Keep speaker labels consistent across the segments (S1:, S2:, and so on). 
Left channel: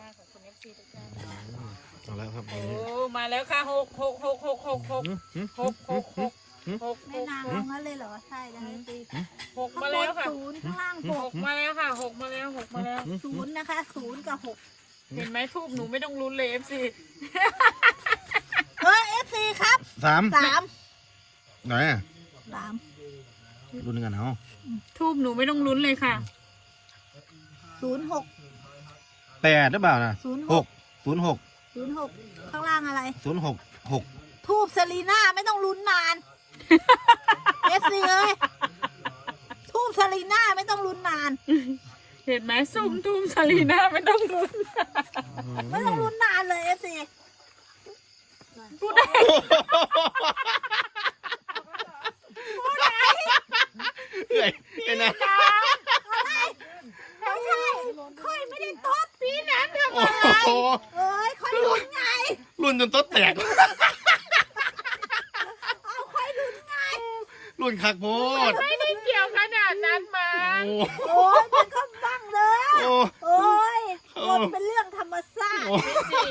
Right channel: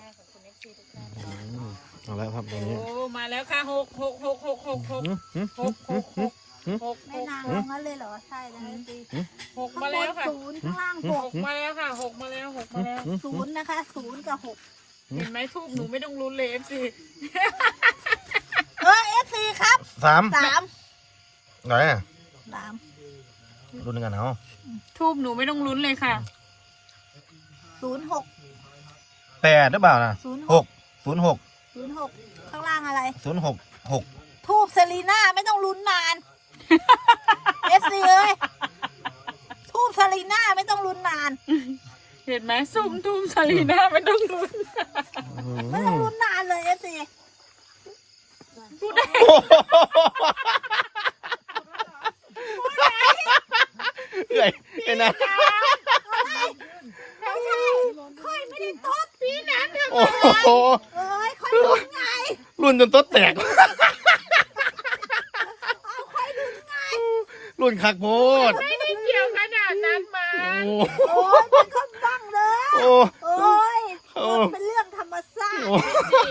S1: ขอบคุณFCทุกท่าน
S2: เอาแล้วครับ
S1: โอ้
S2: วันนี้
S1: มาแล้วค่ะหก
S3: แม่นางเอางั้นเลยเหรอใช่แล้วตี
S1: หก
S3: ข้าง
S1: มา
S3: บ
S1: แล้ว
S3: น
S1: ค่ะ
S3: ศูนย์ข้างล่างห
S1: ห
S3: ก
S1: กมาแล้วค่ะหกมาแล้วหกมาแล้ว
S3: ศูนย์นะคะศูนย์กับหก
S1: เห็นไหมทูบหนูไม่ต้องลุ้นเลย FC
S3: FC ครับ
S2: สาม
S3: สาม
S2: ไหนอ่ะ
S3: สาม
S2: รุ่นกันเอา
S1: ทูบหนูไม่ต้องลุ้นเลยค่ะ
S3: ศูนย์หก
S2: แปดหรือเปล่านะ
S3: ศูนย์
S2: ห
S3: ห
S2: ก
S3: ก
S2: ศูนย์หก
S3: ศูนย์หกข้างล่างอะไร
S2: ศูนย์หกหก
S3: ทูบเซรีน่าไม่ต้องลุ้นนาน FC เอ้ยทูบเซรีน่าไม่ต้องลุ้นนาน
S1: เห็นไหมซุ่มทุ่มซาลีน่าไม่ต้องลุ้น
S3: ไม่ต้องลุ้นนานเลย FC
S1: พูดได้
S2: เอ้ยไอ้นะ
S3: ไม่ใช่ค่อยไม่ได้โต๊ดปีนั้นทำ
S2: โอ้
S3: อะไร
S2: โห
S3: เอ้ยค่อยลุ้นไง
S2: รุ่นจนโต๊ะแตก
S3: เอาค่อยลุ้นไง
S2: รุ่นคักโพด
S1: ไม่ได้เกี่ยวขนาดนั้นมา
S2: โอ้
S3: โอ้ยมันก็บ้างเลย
S2: โอ้
S3: โอ้ย
S2: โอ้
S3: มันเป็นเรื่องธรรมชาติ
S2: โอ้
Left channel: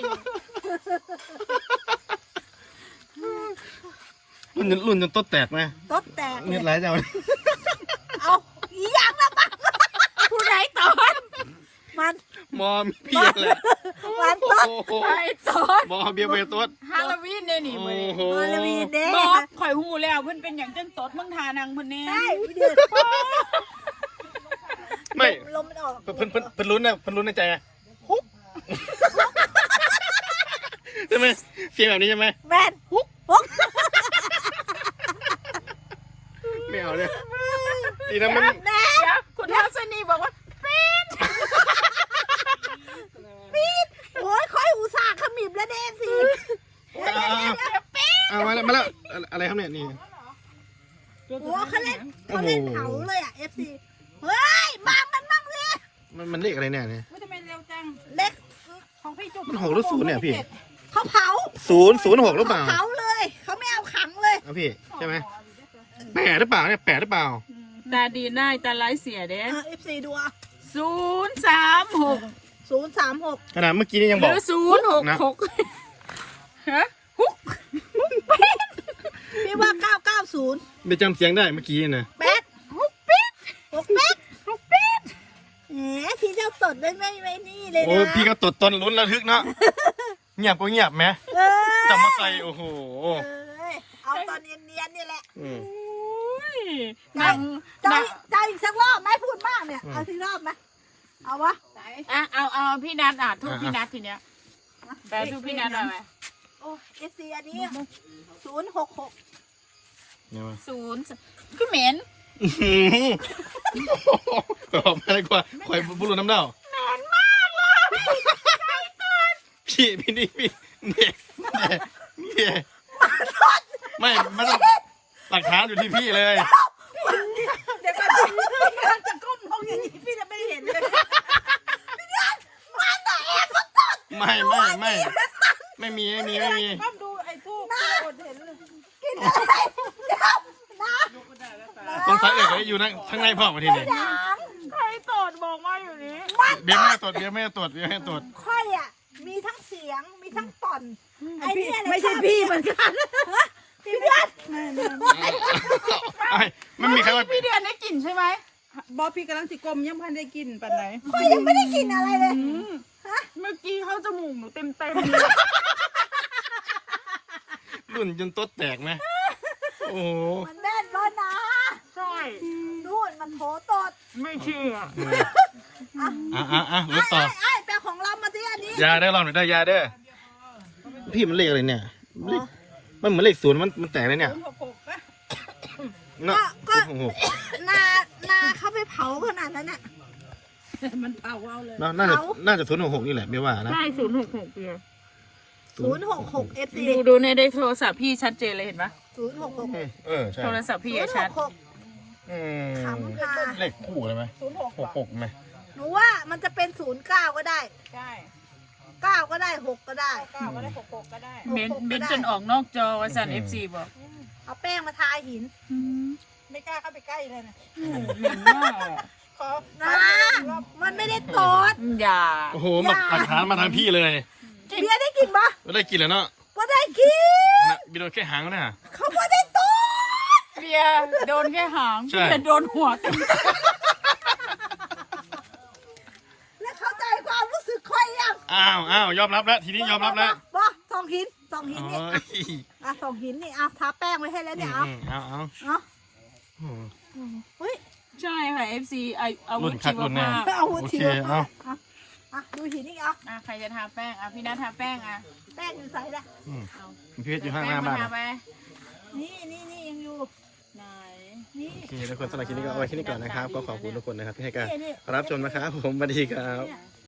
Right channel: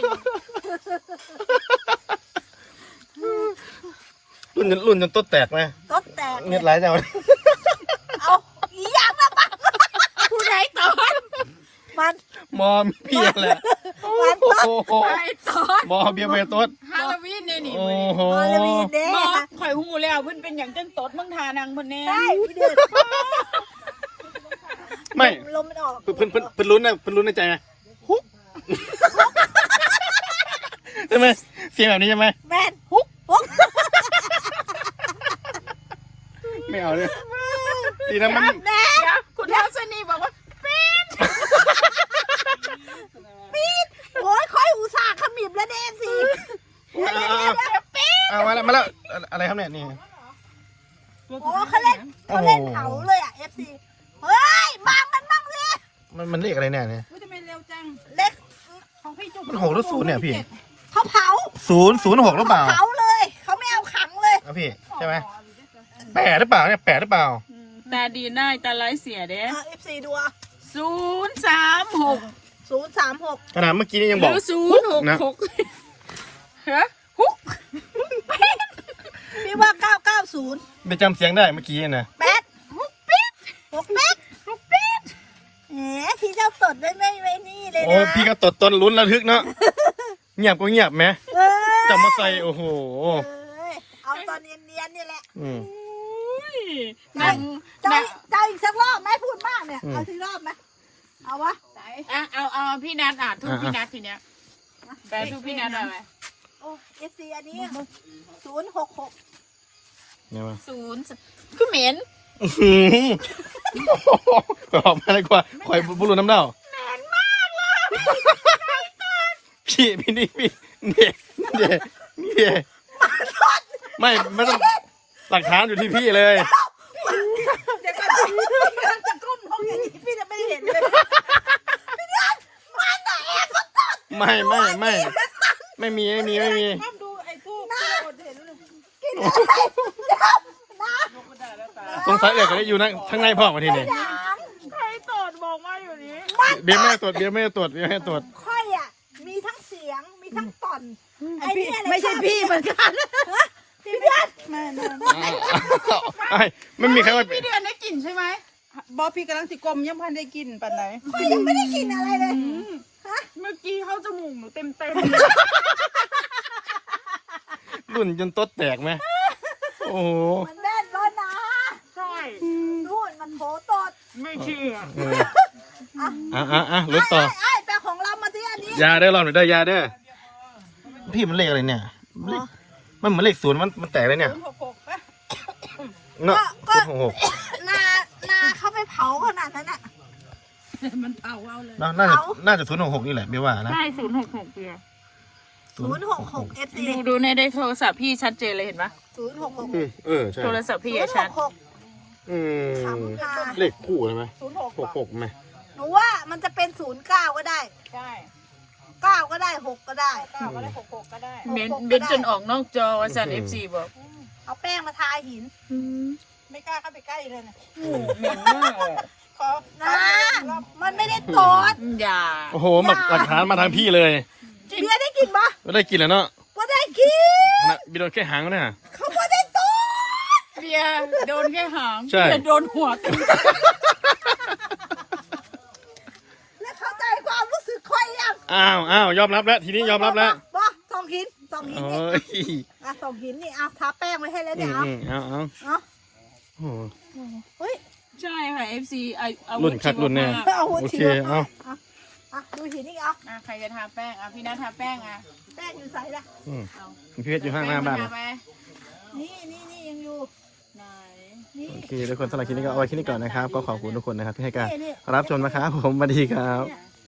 S2: รุ่นจนโต๊ะแตกไหม
S3: ก็แตก
S2: เงียบไรจัง
S3: เอาอีหยังนะผู้ใดตอนมัน
S2: มอมพี่แหละ
S3: มันต้น
S2: โอ้โห
S1: ไอ้ตอน
S2: มอเบียร์ไปโต๊ด
S1: ฮาโลวีนเนี่ยนี่
S2: โอ้โห
S3: ฮาโลวีนเด้
S1: บอกข่อยหูแล้วเพิ่นเป็นอย่างจังตดเพิ่งทานางเพิ่นแน่
S3: ได้พี่เดือด
S2: ไม่
S3: ลมมันออก
S2: เพิ่นลุ้นนะเพิ่นลุ้นในใจไงฮุบใช่ไหมเสียงแบบนี้ใช่ไหม
S3: แมนฮุกฮุก
S2: ไม่เอาเลยดีนะมัน
S1: เดี๋ยวคุณทัศนีบอกว่า
S3: โอ้ยค่อยอุตส่าห์ขมิบแล้วเด้สิ
S2: เอามาแล้วอะไรครับเนี่ยนี่
S3: โอ้เขาเล่นเผาเลยอ่ะ FC เฮ้ยมามันบ้างสิ
S2: มันเลขอะไรเนี่ย
S1: ทำไมเร็วจัง
S3: เล็ก
S1: ของพี่จุ๊บ
S2: มันหกหรือศูนย์เนี่ยพี่
S3: เขาเผา
S2: ศูนย์หกหรือเปล่า
S3: เผาเลยเขาไม่เอาขังเลย
S2: เอาพี่ใช่ไหมแปดหรือเปล่าเนี่ยแปดหรือเปล่า
S1: ตาดีหน้าตาไร้เสียเด้
S3: FC ดู
S1: 036
S3: 036
S2: ขนาดเมื่อกี้นี่ยัง
S1: ห
S2: บ
S1: รือ อก066ฮะฮุก
S3: พี่ว่า990
S2: ไม่จำเสียงได้เมื่อกี้นะ
S3: แป๊ดฮุกปิ๊ดฮุกปิ๊ดฮุกปิ๊ดแหมพี่เจ้าสดไม่นี่เลยนะ
S2: โอ้พี่ก็ตดตอนลุ้นระทึกเนาะเงียบก็เงียบไหม
S3: เอ้ย
S2: แต่มาใส่โอ้โห
S3: เอาตอนเนียนๆนี่แหละ
S2: อืม
S1: นั่ง
S3: จะอีกสักรอบไหมพูดมากเนี่ยเอาสักรอบไหมเอาวะ
S1: เอาพี่นัททูบพี่นัททีเนี้ยแปลทูบพี่นัทหน่อยไหม
S3: โอ้FC อันนี้066
S2: เนี่ยมา
S1: 0คือเหม็น
S2: ออกมาเลยกว่าคอยบุรุษน้ำเน่าพี่นี่พี่เนี่ยไม่ต้องหลักฐานอยู่ที่พี่เลย
S3: เด็กมันจะก้มลงอย่างนี้พี่จะไม่เห็นเลยมันอะแอบก็ตด
S2: ไม่มี
S3: ก้มดูไอ้พวกที่อดเห็นเลยกินอะไรเดี๋ยวนะ
S2: สงสัยเอกจะอยู่นั่งข้างในพ่อมาทีนี้
S3: ยัง
S1: ใครตดบอกมาอยู่นี้
S2: เดี๋ยวแม่ตรวจ
S3: ค่อยอ่ะมีทั้งเสียงมีทั้งตอนไอ้นี่อะไร
S1: ไม่ใช่พี่เหมือนกัน
S3: พี่เดือน
S2: ไอ้ไม่มีใครว่า
S1: พี่เดือนได้กลิ่นใช่ไหม
S4: บอพี่กำลังสิกลมยังพันได้กินปันไหน
S3: ค่อยยังไม่ได้กินอะไรเลยฮะ
S1: เมื่อกี้เข้าจมูกหนูเต็ม
S2: รุ่นจนโต๊ดแตกไหมโอ้โห
S3: มันแน่นแล้วนะ
S1: ใช่
S3: นู่นมันโถตด
S1: ไม่เชื่อ
S2: ลุ้นต่อ
S3: ไอ้แปลของเรามาที่อันนี้
S2: ยาเด้อรอบหน่อยได้ยาเด้อพี่มันเลขอะไรเนี่ยมันเหมือนเลขศูนย์มันแตกเลยเนี่ยเนาะ
S3: นาเขาไปเผาขนาดนั้นอ่ะ
S4: มันเผาเอาเลย
S2: น่าจะ066นี่แหละไม่ว่านะ
S1: ใช่066เดียว
S3: 066 FC
S1: ดูในโทรศัพท์พี่ชัดเจนเลยเห็นปะ
S2: ใช่
S1: โทรศัพท์พี่อะชัด
S2: เลขคู่เลยไหม66ไหม
S3: หนูว่ามันจะเป็น09ก็ได้
S4: ใช่
S3: 9ก็ได้6ก็ได้
S4: 9ก็ได้66ก็ได้
S1: เบนจนออกนอกจอวสัน FC บอก
S3: เอาแป้งมาทาหิน
S4: ไม่กล้าเข้าไปใกล้เลยนะ
S1: เหม็นมากอะ
S3: มันไม่ได้โกรธ
S1: อย่า
S2: โอ้โหหลักฐานมาทางพี่เลย
S3: เบียร์ได้กินปะ
S2: ไม่ได้กินแล้วเนาะ
S3: ว่าได้กิน
S2: นะบีโดนแค่หางเนี่ย
S3: เขาไม่ได้โกรธ
S1: เบียร์โดนแค่หาง
S2: ใช่
S1: เบียร์โดนหัวตี
S3: แล้วเข้าใจความรู้สึกค่อยยัง
S2: อ้าวยอมรับแล้วทีนี้ยอมรับแล้ว
S3: บ่สองหินสองหิน
S2: โอ้
S3: นี่
S2: ย
S3: อ่ะสองหินนี่อ่ะทาแป้งไว้ให้แล้วเนี่ยเอา
S2: เอา
S3: เอา
S2: โอ้โห
S3: เฮ้ย
S1: ใช่ค่ะ FC เอา
S2: รุ่นคักรุ่นแน่
S3: เอาหัว
S2: โอ
S3: ที
S2: เค
S3: ละ
S2: เอา
S3: อ่ะดูหินนี่เอา
S1: ใครจะทาแป้งพี่นัททาแป้ง
S3: แป้งอยู่ใส่ละ
S2: อืม
S1: เอา
S2: พี่เพชรอยู่ข้างหน้าบ้าน
S1: ทาไป
S3: นี่ยังอยู่
S1: ไหน
S3: นี่
S2: โอเคทุกคนสำหรับคลิปนี้ก็เอาไว้แค่นี้ก่อนนะครับ ก็ขอบคุณทุกคนนะครับที่ให้การ
S3: นี่
S2: รับชมนะครับผมสวัสดีครับ
S3: เนี่ย